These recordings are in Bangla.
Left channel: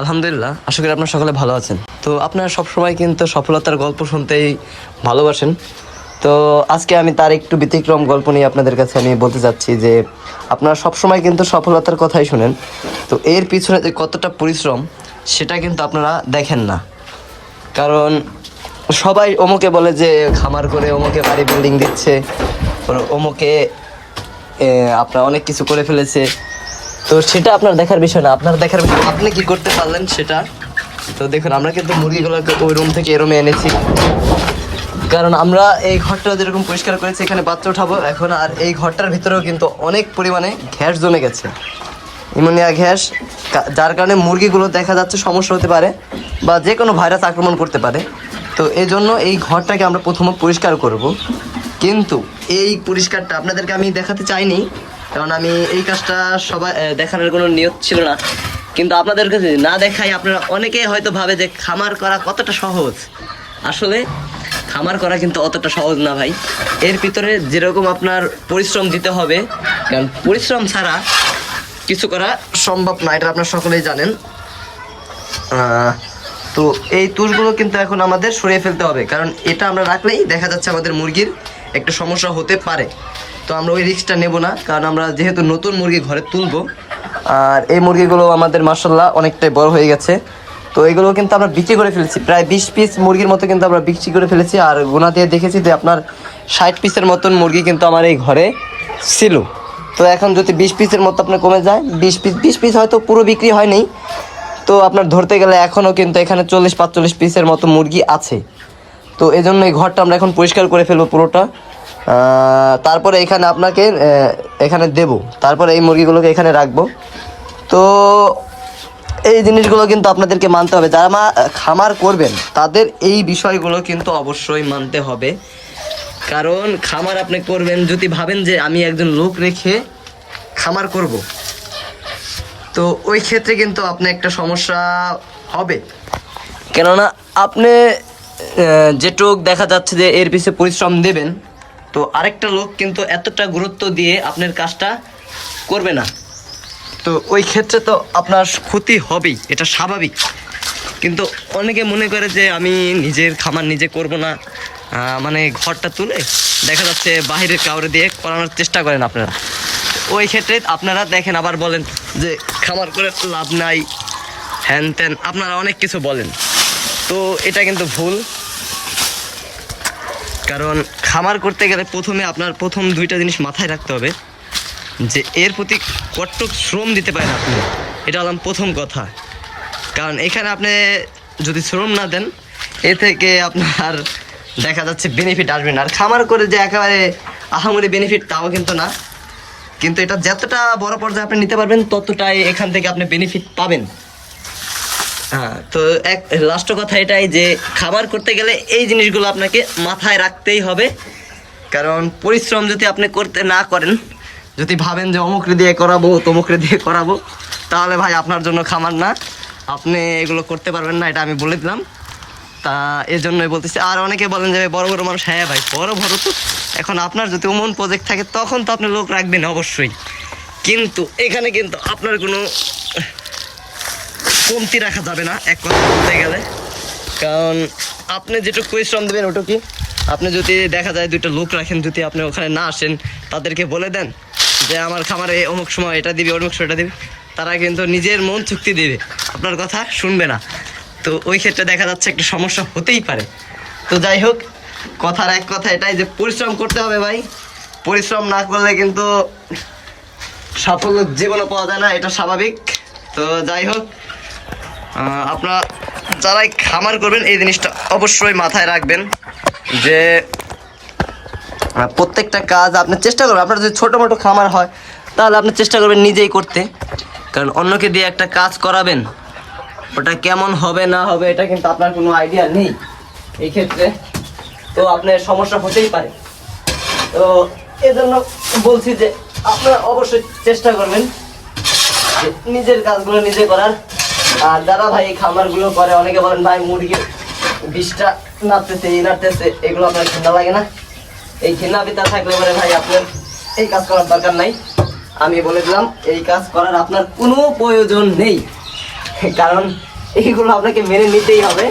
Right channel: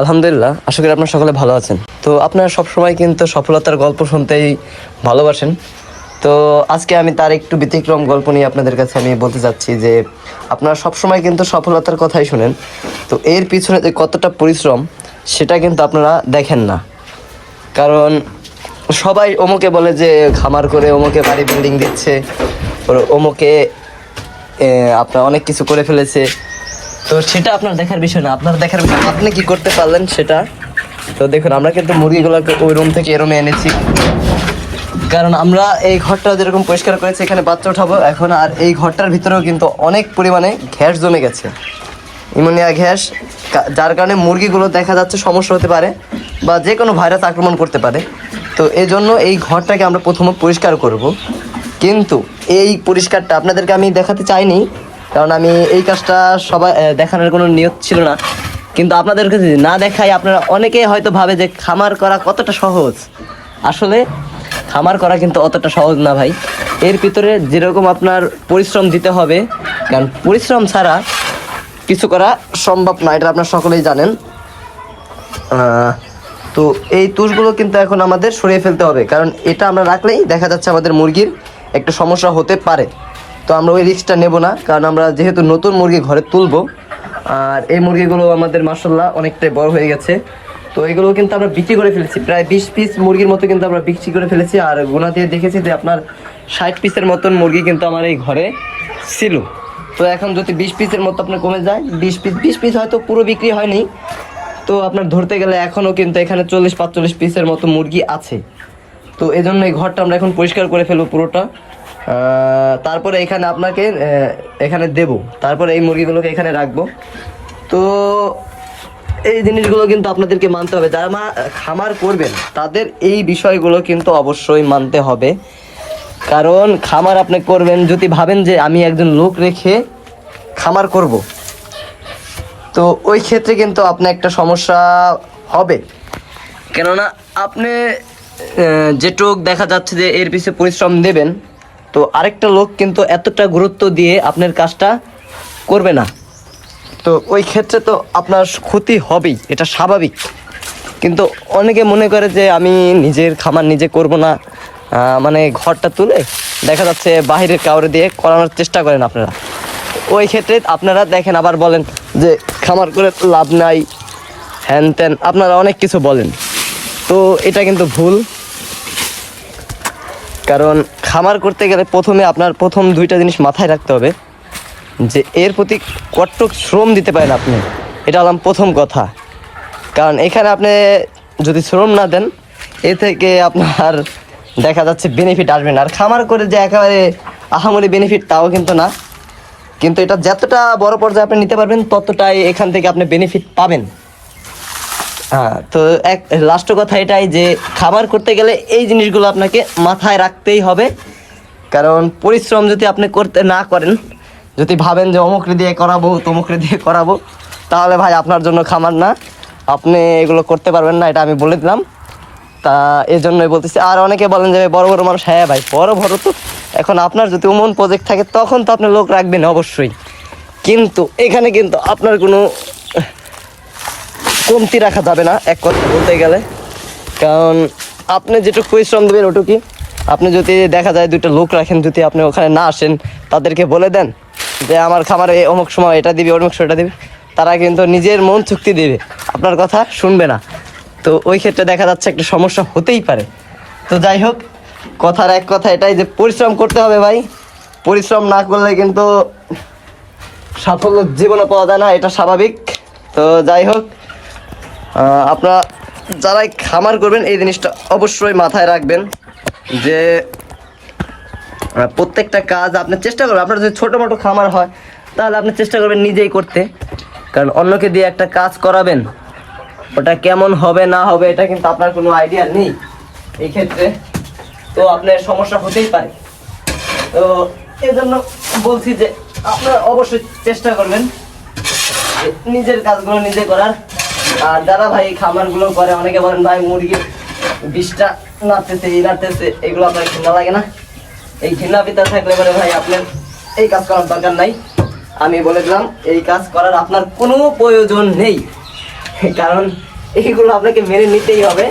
আলহামদুলিল্লাহ, আশা করি আপনারা সকলে ভালো আছেন। তো আপনারা সবসময় কিন্তু সফলতার গল্প শুনতেই ভালোবাসেন। তো আজকে আমি তার একটু ব্যতিক্রম গল্প নিয়ে আপনাদের কাছে আমি বলতে চাচ্ছি যে আপনারা সবসময় কিন্তু সফলতার কথাই শুনেন, তো এর পিছনে যে কতটা পরিশ্রম সেটা কিন্তু আপনারা দেখেন না। কারণ সবাই ওমকে বলে যে খামার করে ওমকে বাড়ি বিল্ডিং দিচ্ছে, ওমকে আপনার অনেক কিছু করে ফেলেছে। তো সেটা আপনার দেখার বিষয় না, আপনার দেখার বিষয় আপনি কি করতে পারলেন সেটা। তো দেখুন, আমরা কিন্তু মুরগিগুলোকে ওই রুম থেকে এরমে এনেছি, কারণ আমরা এই ঘরটা যেরকম পরিষ্কার করেছি এখানে বাচ্চা উঠাবো এখন। আর এই ঘরটার ভিতরেও কিন্তু অনেক পরিমাণে গ্যাস জমে গেছে, ইমোনিয়া গ্যাস, যার কারণে মুরগিগুলো দেখা যাচ্ছে সমস্যা হতে পারে বা যে কোনো ভাইরাস আক্রমণ করতে পারে। তো এই জন্য এই ঘরটাকে আমরা প্রথমে পরিষ্কার করব, কিন্তু এই পরিষ্কারটা আপনাদেরকে আমি দেখাতে চাইনি, কারণ আমি এই কাজটা সবাই দেখানোর কোনো নিয়ত ছিল না। কিন্তু আপনাদেরকে যদি না দেখাই, আপনারা অনেকেই হয়তো ভাবে যে খামার করা কতটা সহজ। আসলে খামার করা কিন্তু অতটা সহজ না ভাই, এর ভিতরে যেরকম আপনার পরিশ্রম দিতে হবে, কারণ পরিশ্রম ছাড়া কিছু করা সম্ভব না, এটা আপনারা সকলেই জানেন। তো এই তুষগুলো কিন্তু এখন আমাদের সরিয়ে ফেলতে হবে, কারণ এটা আমরা রাখলেই দেখা যাচ্ছে আমাদের মুরগির একটা সমস্যা হতে পারে। তো আমরা ওই রিস্কটা নেব না, কারণ আমরা যেহেতু নতুন মুরগি ঘরে তুলবো, আর এই মুরগিগুলো আমাদের মাশাআল্লাহ অনেকটাই বড় হয়ে গেছে। তো এগুলো কিন্তু আমরা বিক্রি করে ফেলেছি, প্রায় 20 পিস মুরগির মতো কিন্তু আমরা বিক্রি করে ফেলেছি। আর গোনা দিয়ে দেখেছি যে আপনার 60 পিসের মতন মুরগি কিন্তু আমার এই ঘরে ছিল। তো এখন যদি 20 পিসের মতো আপনার কমে যায়, 20 পিস হয়তো পুরো বিক্রি হয়নি, তো আপনার ধরতে গেলে এখনও কিন্তু এখানে 40-45 পিসের মতো মুরগি আছে। তো এই জন্য এই ঘরটা আমরা এখন পরিষ্কার করে ফেলবো পুরোটা, তারপরে এখানে আপনাকে এখানে দেব, তারপরে এই মুরগিগুলোকে এখানে রাখবো। তো এই জিনিসগুলো কিন্তু আপনাদেরকে মানতে হবে, যারা খামার করবেন তাদের এই বিষয়গুলো কিন্তু অবশ্যই মানতে হবে। কারণ খামার আপনি করবেন যদি ভাবেন যে আমি একজন লোক রেখে খামার করব, তো ওই ক্ষেত্রে কিন্তু আপনার একটা সমস্যা হবে। কেননা আপনি যেটুক দেখা যাচ্ছে যে এর পিছনে পরিশ্রম দেবেন, তো আরেকটা লোক কিন্তু এতটা গুরুত্ব দিয়ে আপনার কাজটা করবে না, তো ওই ক্ষেত্রে তো আপনার ক্ষতি হবেই, এটা স্বাভাবিক। কিন্তু অনেকে মনে করে যে আমি নিজের খামার নিজে করব না, মানে ঘরটা তুলে দেখা যাচ্ছে বাহিরের কাউরে দিয়ে করানোর চেষ্টা করেন আপনারা। ওই ক্ষেত্রে আপনারা দেখেন আবার বলেন যে খামার করে লাভ নাই, হ্যান ত্যান, আপনারা অনেক কিছু বলেন। তো এটা কিন্তু ভুল, কারণ খামার করতে গেলে প্রথমে আপনার প্রথম দুইটা জিনিস মাথায় রাখতে হবে, যে এর প্রতি কতটুক শ্রম দিতে পারেন আপনি, এটা হলাম প্রথম কথা। কারণ এখানে আপনি যদি শ্রম না দেন, এ থেকে আপনার দেখা যাচ্ছে বেনিফিট আসবে না। আর খামার করে যে একেবারে আহামরি বেনিফিট তাও কিন্তু না, কিন্তু এটা যতটা বড় পর্যায়ে আপনি নিতে পারবেন ততটাই এখান থেকে আপনি বেনিফিট পাবেন। হ্যাঁ, তো এক লাস্ট কথা এটাই যে খামার করতে গেলে এই জিনিসগুলো আপনাকে মাথায় রাখতেই হবে। কারণ পরিশ্রম যদি আপনি করতে না করেন, যদি ভাবেন যে অমুকরে দিয়ে করাবো তমুকরে দিয়ে করাবো, তাহলে ভাই আপনার জন্য খামার না, আপনি এগুলো করতে পারবেন না, এটা আমি বলে দিলাম। তা এই জন্যই বলতেছি। আর অনেকে বলেন যে বড় বড় মানুষ, হ্যাঁ ভাই বড় বড় তো এখন আপনার যদি ওমন প্রজেক্ট থাকে তখন তো আপনি লোক রাখবেন অবশ্যই, কিন্তু এখানে কিন্তু আপনার কোনো কমতি রাখা যাবে না এক কথা বলতে গেলে। কারণ আপনি যেটুকু পরিশ্রম দেবেন ওটুকুই। আপনি যদি দেখা যায় দুইটা লোক রাখেন, যদি আপনি ওখানে না আসেন, তাদেরকে বলে দেন যে আমার খামারে অমুক সময় এটা দিবি অমুক সময় এটা দিবি, তারা কিন্তু নিজের মন চুক্তি দিবে, আপনার কথা শুনবে না। তো ওই ক্ষেত্রে দেখা যাচ্ছে একটা সমস্যা হতেই পারে। তো যাই হোক, কথার এক কথা এটাই যে পরিশ্রম করতে হবে ভাই, পরিশ্রম না করলে কিন্তু সাফল্য জীবনে পাওয়া যায় না, এটা স্বাভাবিক। তো যাই হোক, আপনারা যারাই খামার করবেন এই জিনিসটা অবশ্যই মাথায় রাখবেন যে প্রত্যেকটা কাজ আপনি চেষ্টা করবেন। আপনার যদি ছোটো মোটো খামার হয় তাহলে আপনি চেষ্টা করবেন নিজেই করতে, কারণ অন্যকে দিয়ে একটা কাজ করাবেন, ওটা কেমন হবে না হবে এটা কিন্তু আপনার কোনো আইডিয়া নেই এই ক্ষেত্রে, তো আপনার সমস্যা হতেই পারে। তো এই জন্য বলছি যে আপনারা অবশ্যই চেষ্টা করবেন যে নিজের কাজগুলো নিজে করার। আর যারা ভাই এই খামারগুলো করে, অনেকে বলেন ভাই মুরগির বিষটা নাড়তেছে এই নাড়তেছে, এগুলো আপনার ঘৃণা লাগে না? এই ঘৃণা ভিতরে থাকলে পরে ভাই আপনার এই কাজ করার দরকার নাই। আমি বলে দিলাম এই কাজ করার আপনার কোনো প্রয়োজন নেই। কারণ এইগুলো আপনাকে মেনে নিতেই হবে।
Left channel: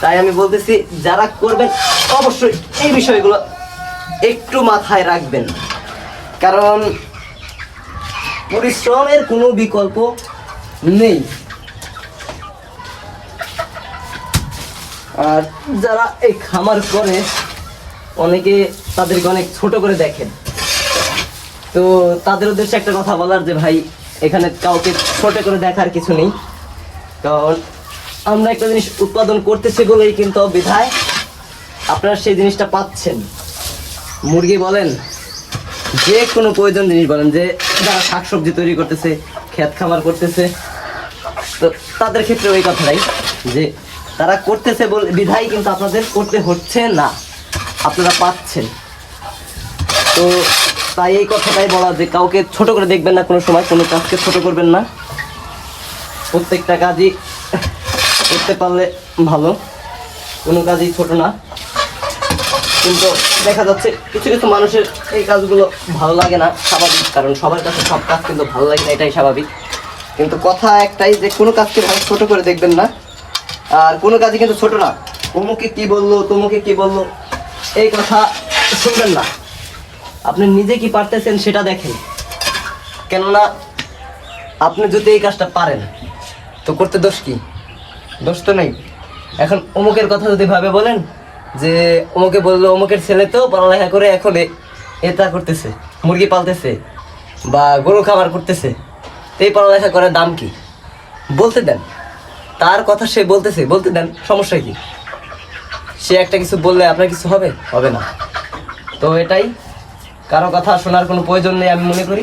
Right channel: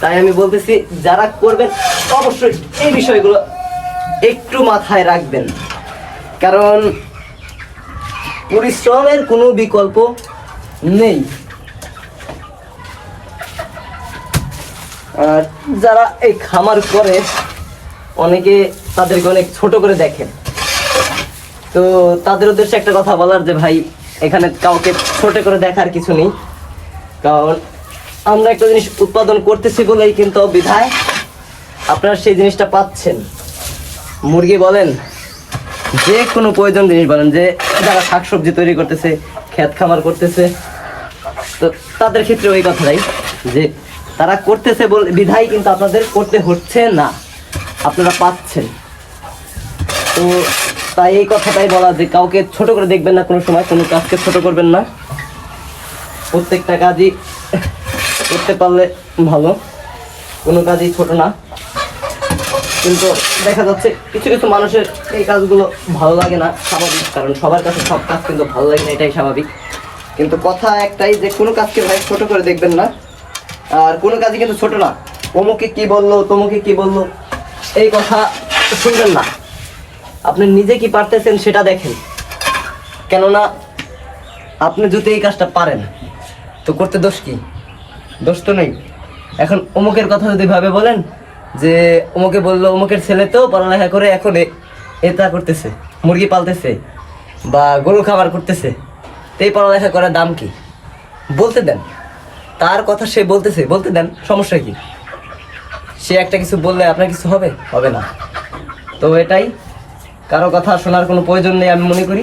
তাই আমি বলতেছি যারা করবেন অবশ্যই এই বিষয়গুলো একটু মাথায় রাখবেন, কারণ পরিশ্রমের কোনো বিকল্প নেই। আর যারা এই খামার করে অনেকে তাদেরকে অনেক ছোট করে দেখেন, তো তাদের উদ্দেশ্যে একটা কথা বলার যে ভাই এখানে কাউকে ছোট করে দেখার কিছু নেই, কারণ আমরা একটা জিনিস উৎপাদন করতেছি বলেই কিন্তু বিধায় আপনারা সেই জিনিসটা পাচ্ছেন। মুরগি বলেন, যে কোনো প্রয়োজন জিনিস বলেন, যে যারা শাকসবজি তৈরি করতেছে, ক্ষেত খামার করতেছে, তো তাদের ক্ষেত্রে ওই কথাটাই যে তারা করতেছে বলে বিধায় কিন্তু আপনাদের করতে হচ্ছে না, আপনারা পাচ্ছেন। তো তাই এই কথাটাই বলা যে কাউকে ছোট করে দেখবেন না, কোনো সময় কোনো কাজকে ছোট করবেন না, প্রত্যেকটা কাজই করতে পারলে ভালো, কোনো কাজই ছোট না। কিন্তু দেখা যাচ্ছে কিছু কিছু মানুষের এই কাজগুলো ভালো লাগে না, স্বাভাবিক, কারণ সবার কাছে সব কাজ কিন্তু ভালো লাগে না, এটাই স্বাভাবিক। কিন্তু কথা একটাই যে কোনো কাজকে ভাই ছোট করে দেখবেন না, আর কোনো কাজই কিন্তু ছোট না। অমুকে কি বললো, তমুকে কি বললো, এই কথা শুনবেন না, আপনি নিজে কি পারতেছেন সেটা দেখেন। কেননা আপনি যদি এই কাজটা পারেন তো করতে দোষ কি? দোষ তো নেই। এখন অমুকের কথা যদি ভাবে বলেন যে অমুকে বললো অমুকের ছেলে তো পড়ালেখা করে এখন এটা করতেছে, মুরগি পালতেছে বা গরু খাবার করতেছে, এই পড়ালেখা করার দাম কি? বলতে দেন, তার কথা সে বলতেছে, বলতে দেন, সমস্যা কি? সে একটা কিছু বললে আপনার কিছু হবে? হবে না। তো এটাই, কারো কথা শোনার কোনো প্রয়োজন নেই। আমি মনে করি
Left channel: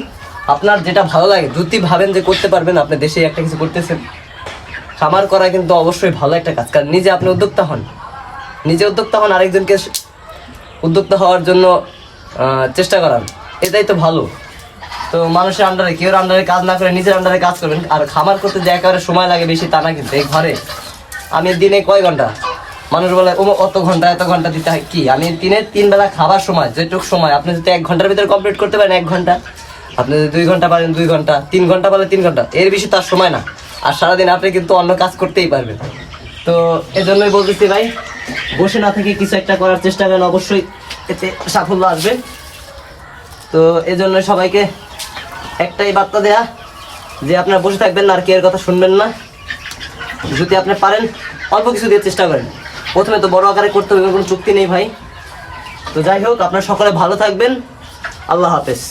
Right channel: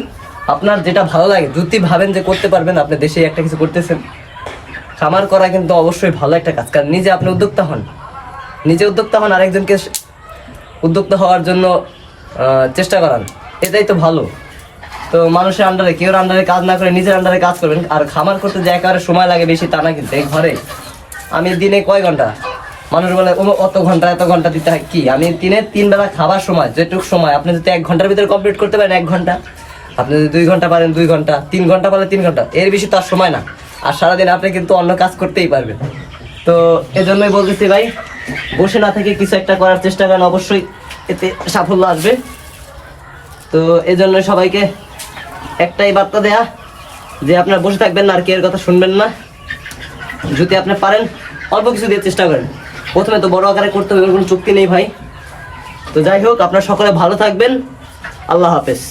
আপনার যেটা ভালো লাগে, যদি ভাবেন যে করতে পারবেন, আপনি দেশে একটা কিছু করতেছেন, খামার করা কিন্তু অবশ্যই ভালো একটা কাজ। কারণ নিজে আপনি উদ্যোক্তা হন, নিজে উদ্যোক্তা হন, আরেকজনকে উদ্যোক্তা হওয়ার জন্য চেষ্টা করান, এটাই তো ভালো। তো মানুষের আন্ডারে, কেউ আন্ডারে কাজ না করে নিজের আন্ডারে কাজ করবেন। আর খামার করতে যে একেবারে সময় লাগে বেশি তা না, কিন্তু এই ঘরে আমি দিনে কয় ঘন্টা, মানুষ বলে ও অত ঘন্টা এত ঘন্টা দিতে হয়, কি আমি দিনে 3 বেলা খাবার সময়, যেটুক সময় আপনি যদি 1 ঘন্টার ভিতরে কমপ্লিট করতে পারেন 1 ঘন্টা, আপনি যদি 2 ঘন্টা পারেন 2 ঘন্টা, 3 ঘন্টা পারলে 3 ঘন্টা, এর বেশি তার সময় না। আর সারাদিন আপনি কিন্তু অন্য কাজ করতেই পারবেন। তো এজন্যই বলতেছি ভাই, বসে না থেকে কিছু একটা করার চেষ্টা করেন, অবশ্যই এতে সাফল্য আসবে। তো এজন্য সবাইকে একটাই বার্তা দেয়া যে আপনারা বসে থাকবেন না আর কেউ কথা শুনবেন না। যদি আপনি পারেন অল্প কিছু দিয়ে চেষ্টা করেন, প্রথমে তো বড় আকারে করতে হবে, কোনো চুক্তি নেই ভাই। তো যাই হোক, আপনারা সকলে ভালো থাকবেন, আল্লাহ হাফেজ।